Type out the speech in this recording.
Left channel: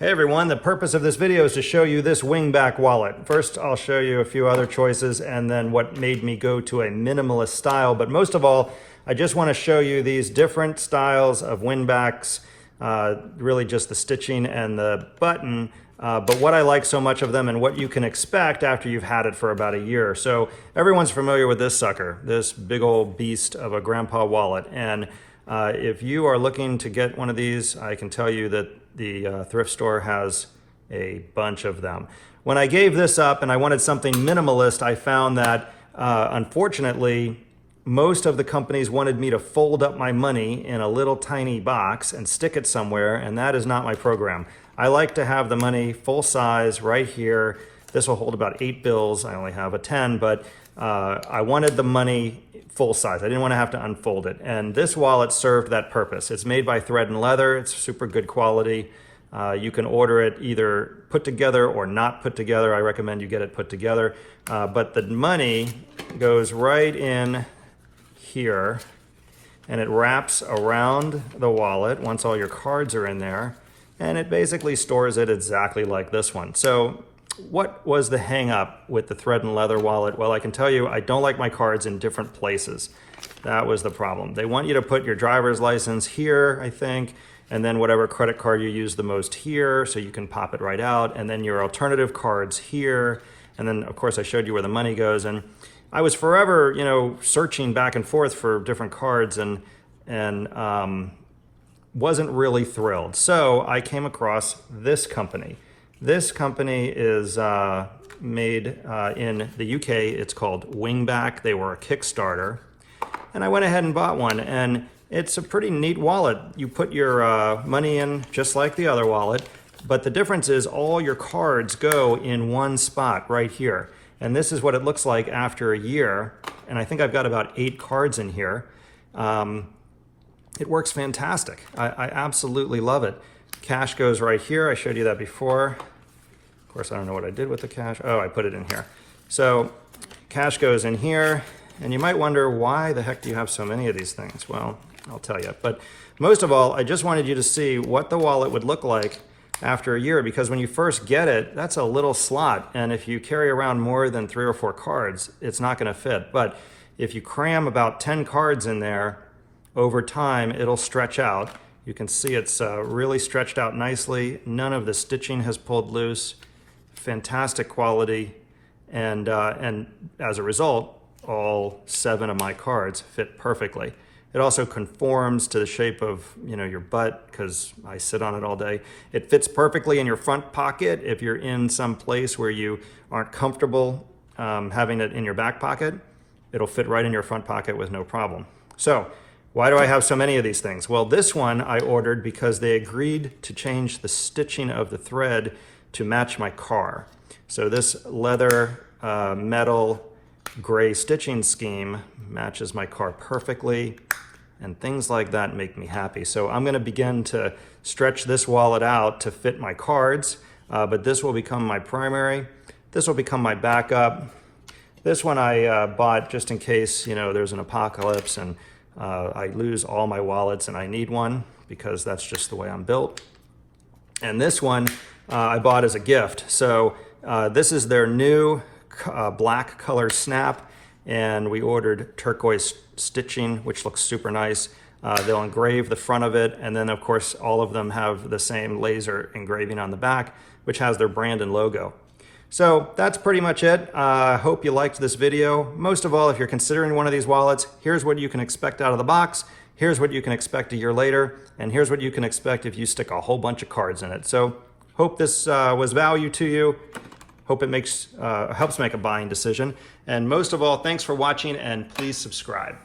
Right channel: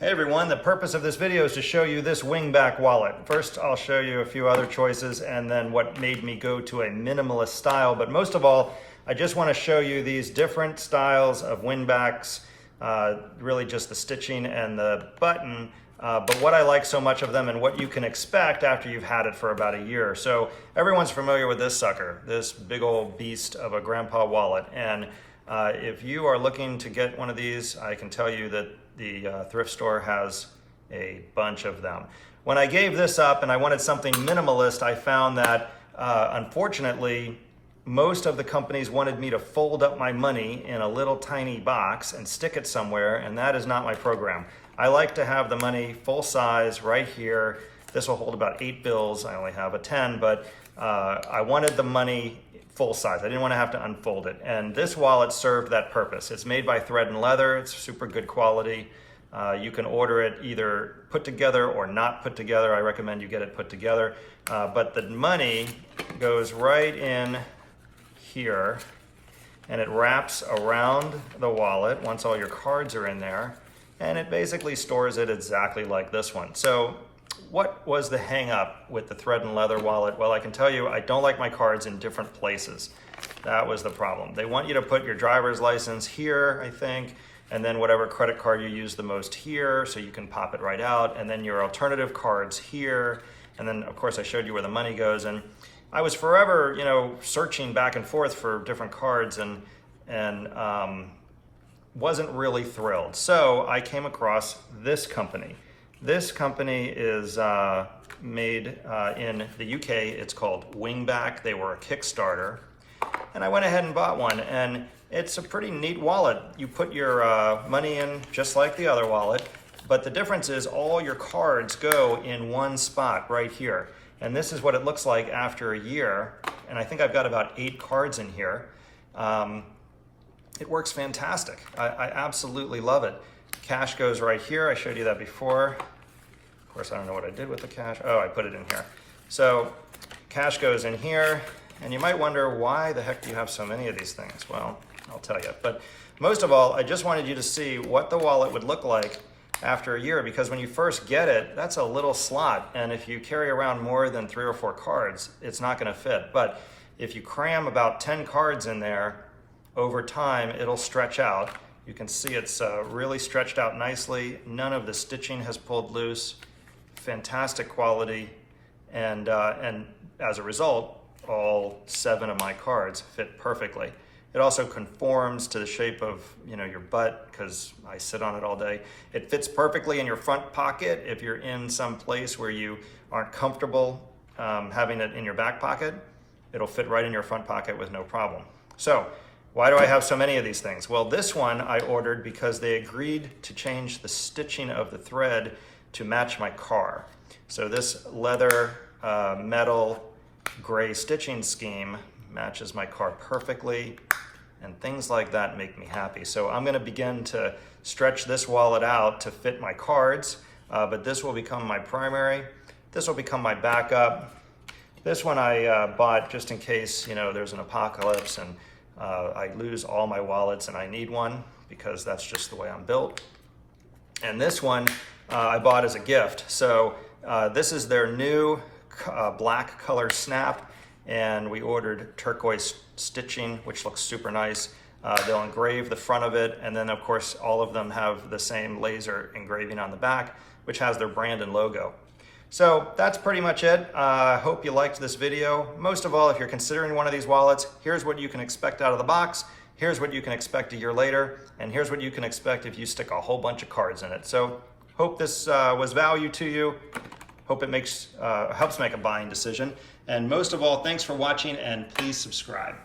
Hey everyone, the purpose of this video is to show you this Wingback wallet. First, I'll show you a few other choices and then what made me go to a minimalist style. But most of all, I just want to show you these different styles of Wingbacks, really just the stitching and the button, but what I like so much of them and what you can expect after you've had it for about a year. So everyone's familiar with this sucker, this big old beast of a grandpa wallet. And if you are looking to get one of these, I can tell you that the thrift store has a bunch of them. When I gave this up and I wanted something minimalist, I found that unfortunately, most of the companies wanted me to fold up my money in a little tiny box and stick it somewhere, and that is not my program. I like to have the money full size right here. This will hold about 8 bills. I only have a 10, but I wanted the money full size. I didn't want to have to unfold it. And this wallet served that purpose. It's made by Thread and Leather. It's super good quality. You can order it either put together or not put together. I recommend you get it put together. But the money goes right in here and it wraps around the wallet once all your cards are in there. And it basically stores it exactly like this one. So what was the hang up with the Thread and Leather wallet? Well, I can tell you, I don't like my cards in different places. That was the problem. They want you to put your driver's license here, I think, and then whatever credit card you use the most here, so you can pop it right out, and then your alternative cards here, and then of course I showed you where the money goes. And I was forever, searching back and forth for different cards and wasn't really thrilled. So I came across this company. This company is made in the UK. It's called Wingback. They were a Kickstarter. And I went ahead and bought one. And it's a pretty neat wallet. You put your money in just like the other wallet. But the difference is all your cards go in one spot right here. And this is what it looks like after a year. And I think I've got about 8 cards in here. It works fantastic. I absolutely love it. Cash goes right here. I showed you that before. Of course, I don't know what I did with the cash. Oh, I put it in here. So cash goes in here, and you might wonder, why the heck do you have so many of these things? Well, I'll tell you. But most of all, I just wanted you to see what the wallet would look like after a year, because when you first get it, that's a little slot. And if you carry around more than 3 or 4 cards, it's not going to fit. But if you cram about 10 cards in there, over time, it'll stretch out. You can see it's really stretched out nicely. None of the stitching has pulled loose. Fantastic quality. And as a result, all 7 of my cards fit perfectly. It also conforms to the shape of your butt, because I sit on it all day. It fits perfectly in your front pocket if you're in some place where you aren't comfortable having it in your back pocket. It'll fit right in your front pocket with no problem. So, why do I have so many of these things? Well, this one I ordered because they agreed to change the stitching of the thread to match my car. So this leather, metal, gray stitching scheme matches my car perfectly, and things like that make me happy. So I'm gonna begin to stretch this wallet out to fit my cards, but this will become my primary. This will become my backup. This one I bought just in case there's an apocalypse and I lose all my wallets and I need one, because that's just the way I'm built. And this one I bought as a gift. So this is their new black color snap, and we ordered Turquoise Stitching, which looks super nice. They'll engrave the front of it, and then of course all of them have the same laser engraving on the back, which has their brand and logo. So that's pretty much it. I hope you liked this video. Most of all, if you're considering one of these wallets, here's what you can expect out of the box, here's what you can expect a year later, and here's what you can expect if you stick a whole bunch of cards in it. So hope this was value to you. Hope it helps make a buying decision. And most of all, thanks for watching, and please subscribe.